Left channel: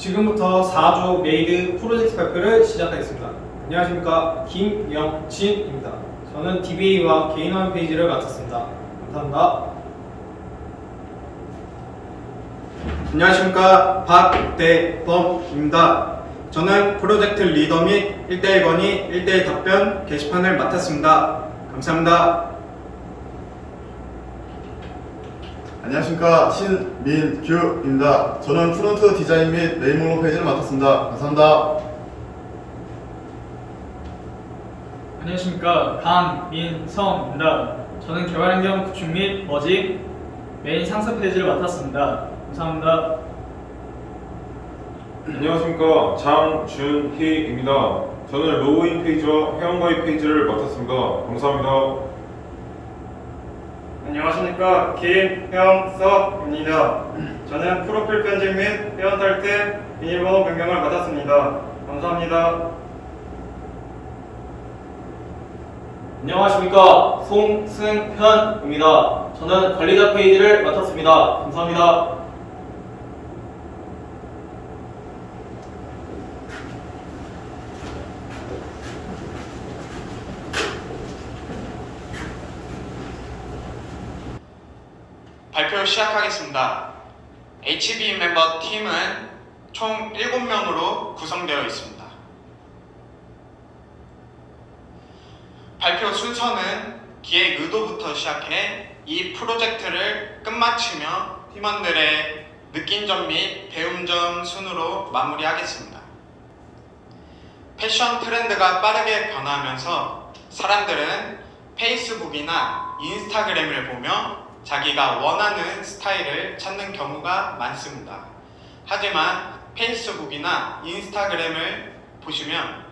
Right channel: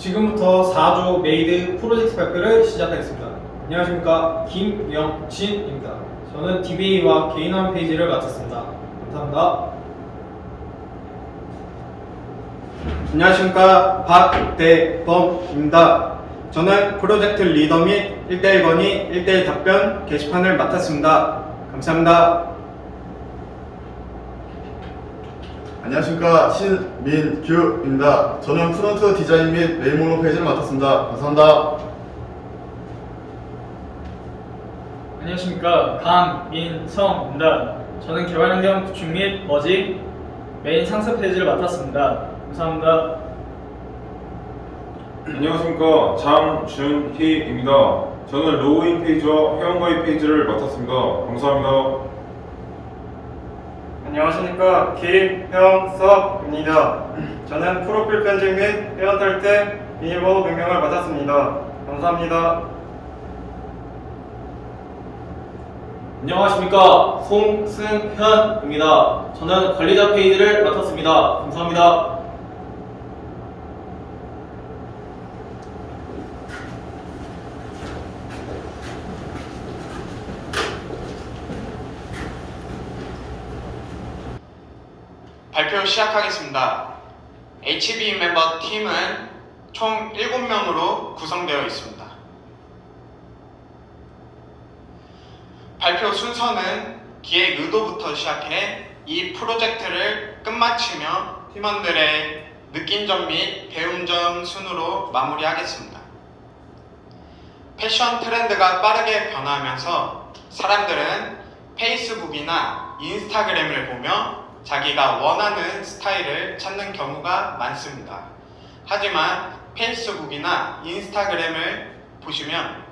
지금부터 4조 메이드 프로젝트 발표를 시작하겠습니다. 안녕하십니까 김영진입니다. 저는 DBA와 개인화면 페이지를 맡았습니다. 감사합니다. 안녕하십니까 박대범입니다. 저는 프로젝트 리더 및 1대1 건의 1대1 답변 게시판을 맡았습니다. 감사합니다. 안녕하십니까 신민규입니다. 저는 프론트 디자인 및 메인 목록 페이지를 맡았습니다. 감사합니다. 안녕하십니까 강민성입니다. 저는 개발환경 구축 및 머지 메인 상세 페이지를 맡았습니다. 감사합니다. 안녕하십니까 장준희입니다. 저는 로그인 페이지와 회원가입 페이지를 맡았습니다. 감사합니다. 안녕하십니까 김형석입니다. 저는 프로필 편집 및 회원 탈퇴 비밀번호 변경을 맡았습니다. 감사합니다. 안녕하십니까 송승현입니다. 저는 관리자 페이지를 맡았습니다. 감사합니다. 발표 시작하겠습니다. HB 멤버 팀은 총 7명으로 구성되어 있습니다. 발표 순서는 기획 의도부터 시작해 이 프로젝트를 끝마치며 팀원들의 느낀 점 및 배움 점 순으로 마무리하겠습니다. 패션 트렌드가 빠르게 변화하면서 사람들은 페이스북이나 인스타그램을 보며 자기가 원하는 스타일을 찾는 경우가 많습니다. 하지만 페이스북이나 인스타그램을 보시면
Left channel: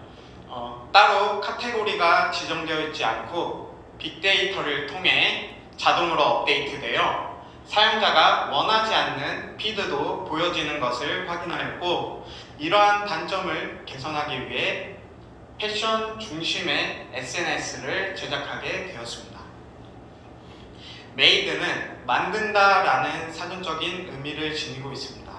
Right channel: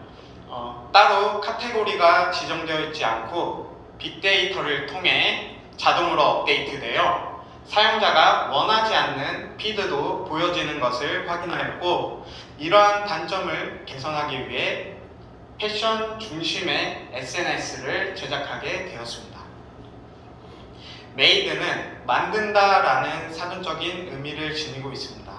어, 따로 카테고리가 지정되어 있지 않고 빅데이터를 통해 자동으로 업데이트되어 사용자가 원하지 않는 피드도 보여지는 것을 확인하였고 이러한 단점을 개선하기 위해 패션 중심의 SNS를 제작하게 되었습니다. 메이드는 만든다라는 사전적인 의미를 지니고 있습니다.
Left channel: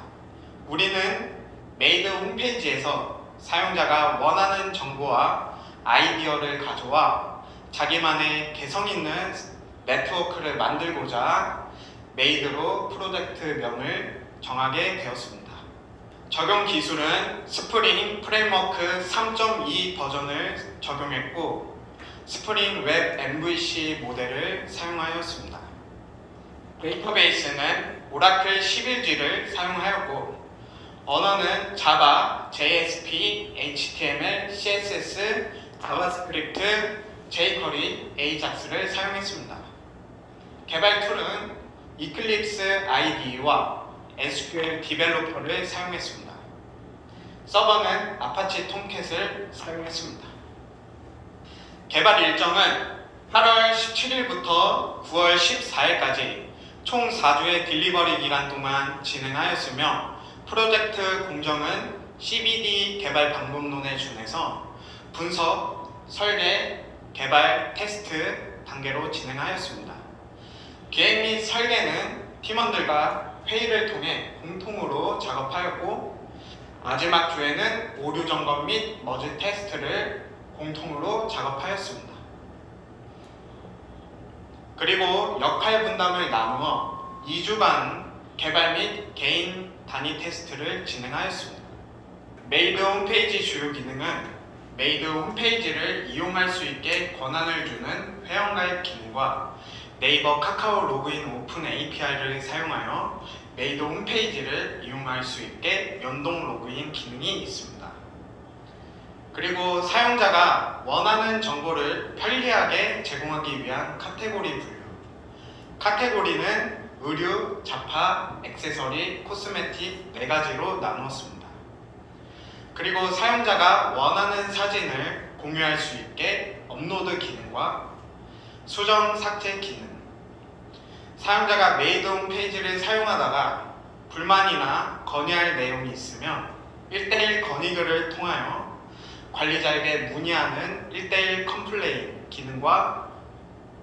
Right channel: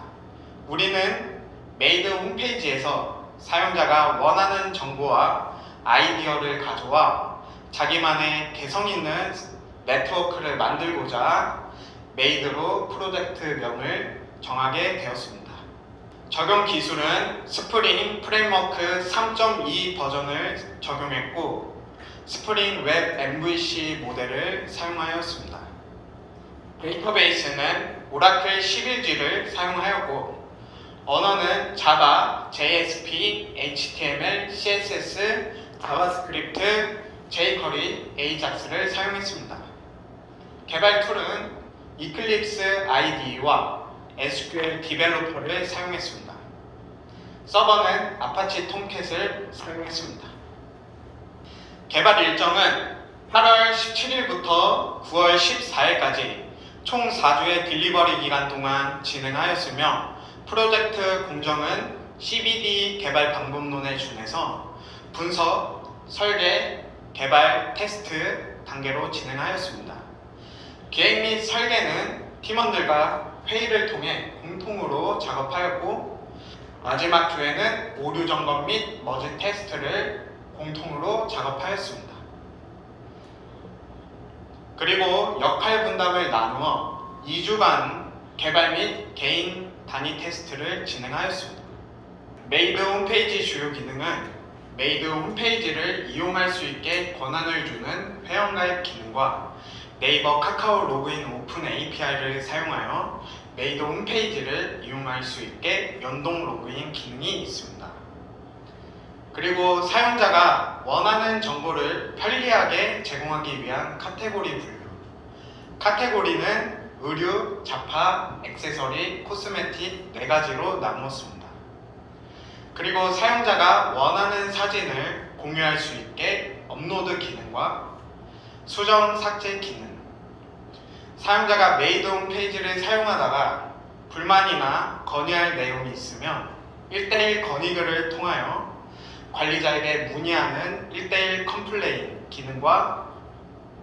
우리는 메이드 홈페이지에서 사용자가 원하는 정보와 아이디어를 가져와 자기만의 개성 있는 네트워크를 만들고자 메이드로 프로젝트명을 정하게 되었습니다. 적용 기술은 스프링 프레임워크 3.2 버전을 적용했고 스프링 웹 MVC 모델을 사용하였습니다. 데이터베이스는 오라클 11G를 사용하였고 언어는 자바, JSP, HTML, CSS, 자바스크립트, jQuery, AJAX를 사용했습니다. 개발 툴은 이클립스 IDE와 SQL 디벨로퍼를 사용했습니다. 서버는 아파치 톰캣을 사용했습니다. 개발 일정은 8월 17일부터 9월 14일까지 총 4주의 딜리버리 기간 동안 진행하였으며 프로젝트 공정은 CBD 개발 방법론에 준해서 분석, 설계, 개발, 테스트 단계로 진행하였습니다. 계획 및 설계는 팀원들과 회의를 통해 공통으로 작업하였고 마지막 주에는 오류 점검 및 머지 테스트를 공통으로 작업하였습니다. 그리고 역할 분담을 나누어 2주간 개발 및 개인 단위 테스트를 진행하였습니다. 메이드 홈페이지 주요 기능은 메이드 홈페이지를 이용할 수 있게 권한을 주는 회원가입 기능과 네이버 카카오 로그인 오픈 API를 사용하여 메이드 홈페이지를 이용할 수 있게 연동 로그인 기능이 있습니다. 그리고 사용자가 원하는 정보를 편리하게 제공하기 위한 카테고리 분류. 카테고리는 의류, 잡화, 액세서리, 코스메틱 네 가지로 나누었습니다. 그리고 사용자가 원하는 사진을 공유할 수 있게 업로드 기능과 수정 삭제 기능. 사용자가 메이드 홈 페이지를 사용하다가 불만이나 건의할 내용이 있으면 1대1 건의글을 통하여 관리자에게 문의하는 1대1 컴플레인 기능과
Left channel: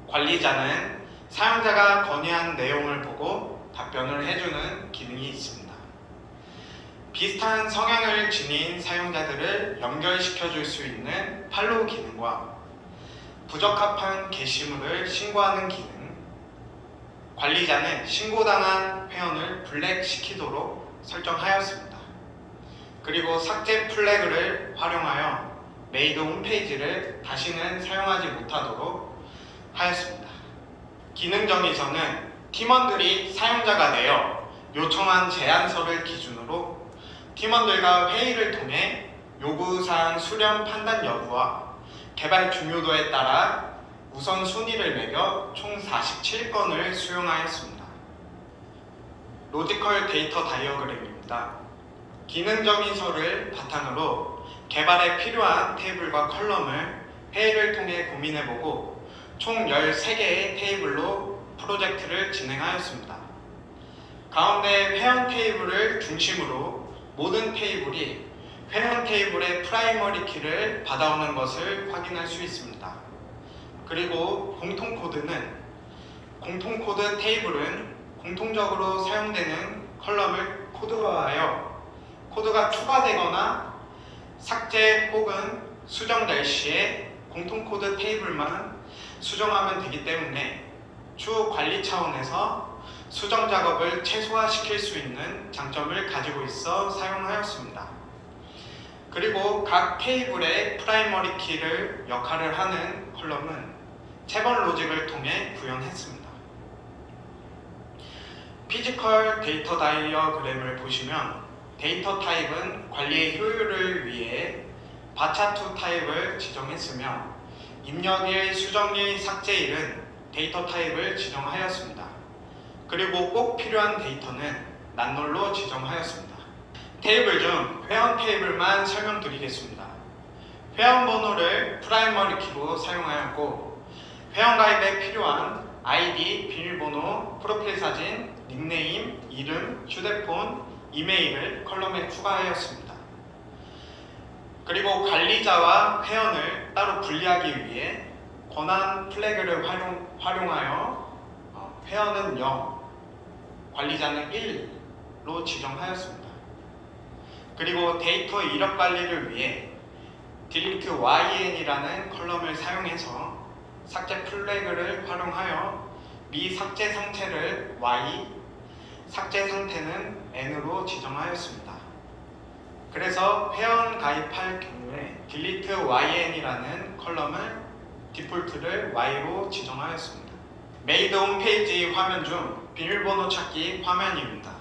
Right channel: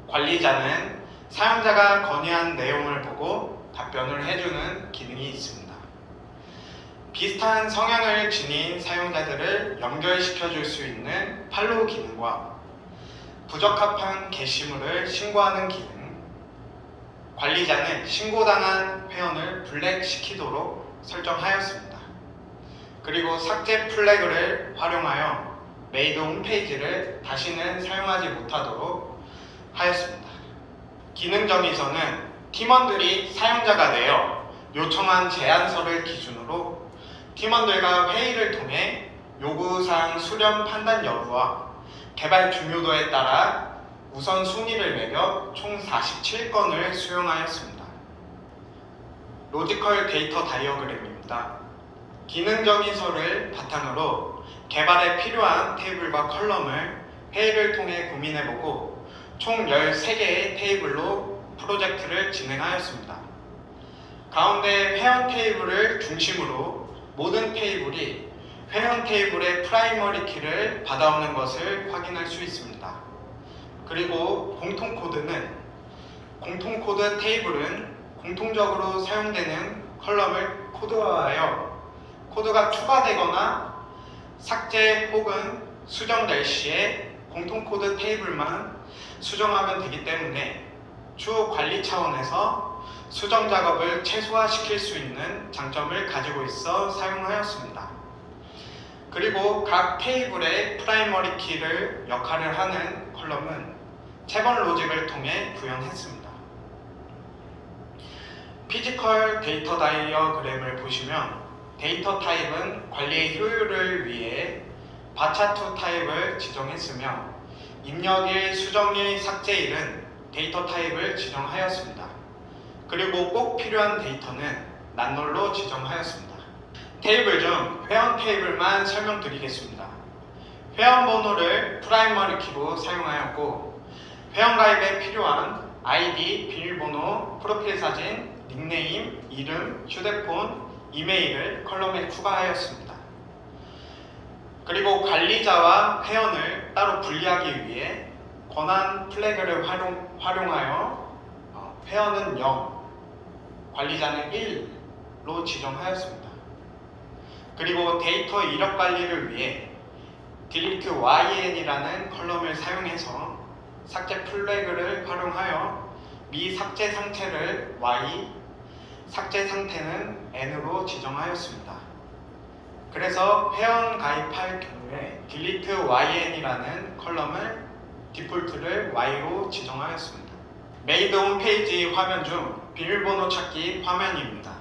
관리자는 사용자가 건의한 내용을 보고 답변을 해주는 기능이 있습니다. 비슷한 성향을 지닌 사용자들을 연결시켜 줄 수 있는 팔로우 기능과 부적합한 게시물을 신고하는 기능, 관리자는 신고당한 회원을 블랙시키도록 설정하였습니다. 그리고 삭제 플래그를 활용하여 메이드 홈페이지를 다시는 사용하지 못하도록 하였습니다. 기능 정의서는 팀원들이 사용자가 되어 요청한 제안서를 기준으로 팀원들과 회의를 통해 요구사항 수렴 판단 여부와 개발 중요도에 따라 우선순위를 매겨 총 47건을 수용하였습니다. 로지컬 데이터 다이어그램입니다. 기능 정의서를 바탕으로 개발에 필요한 테이블과 컬럼을 회의를 통해 고민해보고 총 13개의 테이블로 프로젝트를 진행하였습니다. 가운데 회원 테이블을 중심으로 모든 테이블이 회원 테이블의 프라이머리 키를 받아오는 것을 확인할 수 있습니다. 그리고 공통 코드는 공통 코드 테이블은 공통적으로 사용되는 컬럼을 코드화하여 코드가 추가되거나 삭제 혹은 수정될 시에 공통 코드 테이블만 수정하면 되기 때문에 추후 관리 차원에서 수정 작업을 최소화시킬 수 있는 장점을 가지고 있어 사용하였습니다. 그리고 각 테이블의 프라이머리 키를 역할을 하는 컬럼은 체번 로직을 통해 구현했습니다. 피지컬 데이터 다이어그램을 보시면 데이터 타입은 관리의 효율을 위해 바차2 타입을 지정했으며 입력일, 수정일, 삭제일은 데이터 타입을 지정하였습니다. 그리고 꼭 필요한 데이터는 난롤로 지정하였습니다. 테이블 중 회원 테이블만 설명드리겠습니다. 회원 번호를 프라이머리 키로 사용하였고 회원 가입에 필요한 아이디, 비밀번호, 프로필 사진, 닉네임, 이름, 휴대폰, 이메일을 컬럼에 추가하였습니다. 그리고 관리자와 회원을 따로 분리하기 위해 권한 플래그를 활용, 활용하여 어, 회원은 0, 관리자는 1로 지정하였습니다. 그리고 데이터 이력 관리를 위해 delete yn이라는 컬럼을 사용해서 삭제 플래그를 활용하여 미 삭제 상태를 y, 삭제 상태는 n으로 지정하였습니다. 그래서 회원 가입할 경우에 delete yn이라는 컬럼을 디폴트를 y로 지정하였습니다. 메이드 홈페이지 화면 중 비밀번호 찾기 화면입니다.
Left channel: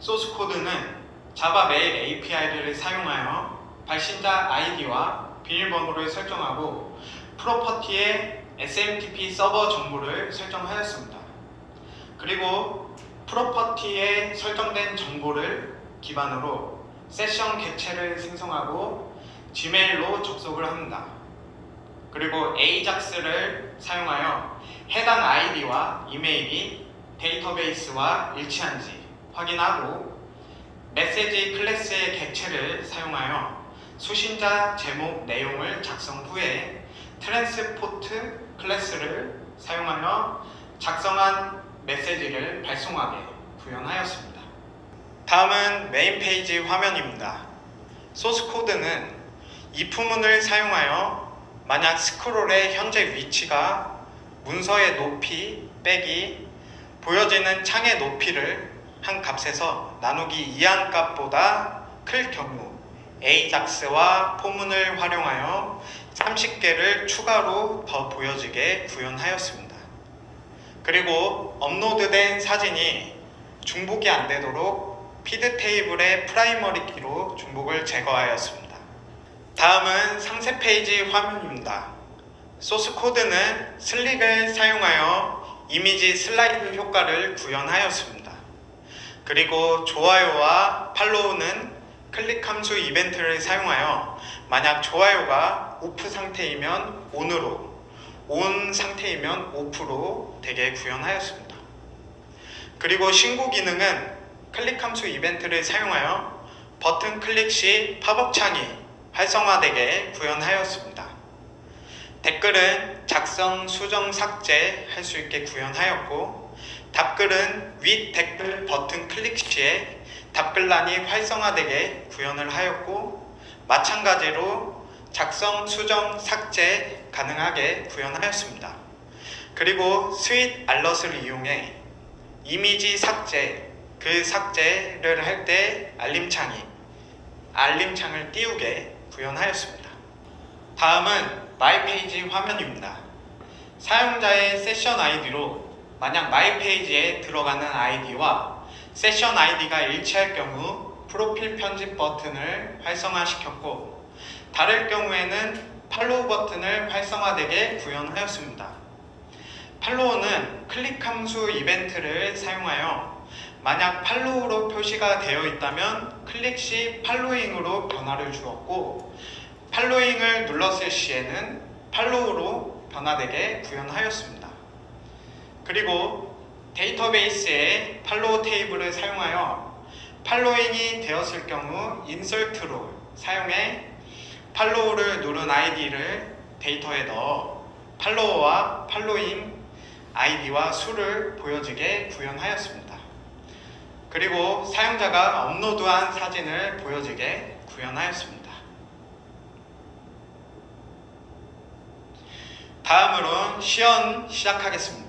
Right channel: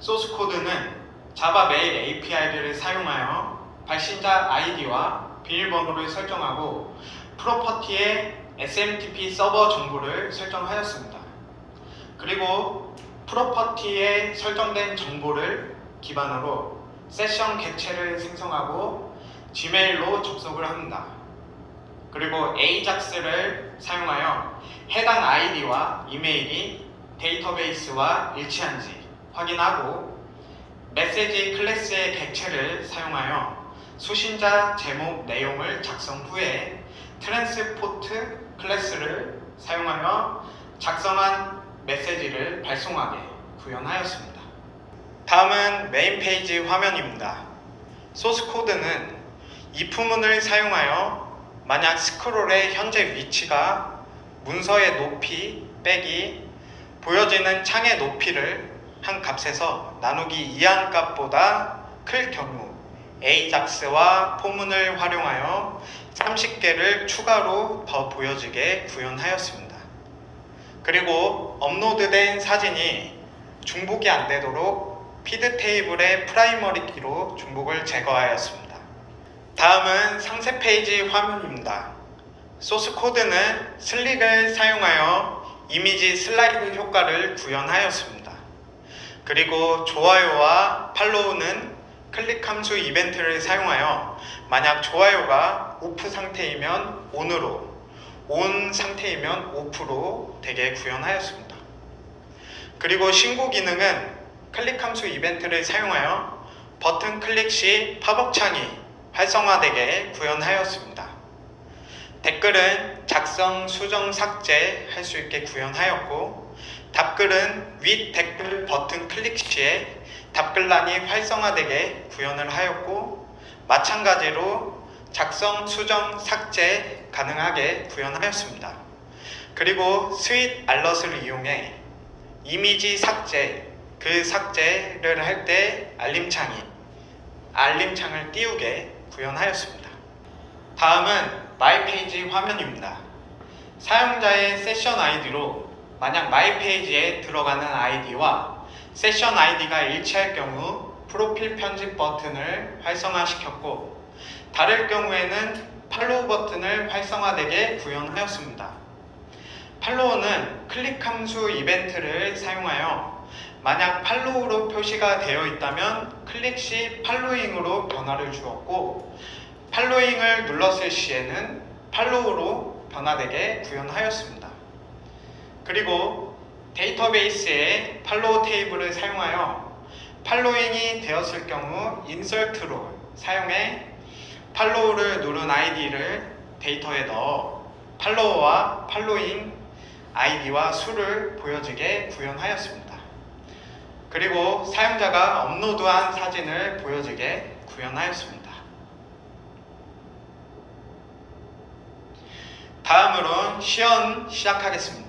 소스 코드는 자바 메일 API를 사용하여 발신자 아이디와 비밀번호를 설정하고 프로퍼티의 SMTP 서버 정보를 설정하였습니다. 그리고 프로퍼티에 설정된 정보를 기반으로 세션 객체를 생성하고 지메일로 접속을 합니다. 그리고 AJAX를 사용하여 해당 아이디와 이메일이 데이터베이스와 일치한지 확인하고 메시지 클래스의 객체를 사용하여 수신자 제목 내용을 작성 후에 트랜스포트 클래스를 사용하여 작성한 메시지를 발송하게 구현하였습니다. 다음은 메인 페이지 화면입니다. 소스 코드는 if문을 사용하여 만약 스크롤의 현재 위치가 문서의 높이 빼기 보여지는 창의 높이를 한 값에서 나누기 이한 값보다 클 경우 AJAX와 포문을 활용하여 30개를 추가로 더 보여지게 구현하였습니다. 그리고 업로드된 사진이 중복이 안 되도록 피드 테이블의 프라이머리 키로 중복을 제거하였습니다. 다음은 상세 페이지 화면입니다. 소스 코드는 슬릭을 사용하여 이미지 슬라이드 효과를 구현하였습니다. 그리고 좋아요와 팔로우는 클릭 함수 이벤트를 사용하여 만약 좋아요가 오프 상태이면 ON으로 ON 상태이면 OFF로 되게 구현하였습니다. 그리고 신고 기능은 클릭 함수 이벤트를 사용하여 버튼 클릭 시 팝업 창이 활성화되게 구현하였습니다. 댓글은 작성, 수정, 삭제 할 수 있게 구현하였고 답글은 윗 댓글 버튼 클릭 시에 답글란이 활성화되게 구현을 하였고 마찬가지로 작성, 수정, 삭제 가능하게 구현하였습니다. 그리고 스윗 알럿을 이용해 이미지 삭제, 그 삭제를 할 때 알림창이 알림창을 띄우게 구현하였습니다. 다음은 마이 페이지 화면입니다. 사용자의 세션 아이디로 만약 마이 페이지에 들어가는 아이디와 세션 아이디가 일치할 경우 프로필 편집 버튼을 활성화시켰고 다를 경우에는 팔로우 버튼을 활성화되게 구현하였습니다. 팔로우는 클릭 함수 이벤트를 사용하여 만약 팔로우로 표시가 되어 있다면 클릭 시 팔로잉으로 변화를 주었고 팔로잉을 눌렀을 시에는 팔로우로 변화되게 구현하였습니다. 그리고 데이터베이스에 팔로우 테이블을 사용하여 팔로잉이 되었을 경우 인설트로 사용해 팔로우를 누른 아이디를 데이터에 넣어 팔로워와 팔로잉 아이디와 수를 보여지게 구현하였습니다. 그리고 사용자가 업로드한 사진을 보여지게 구현하였습니다. 다음으로는 시연 시작하겠습니다.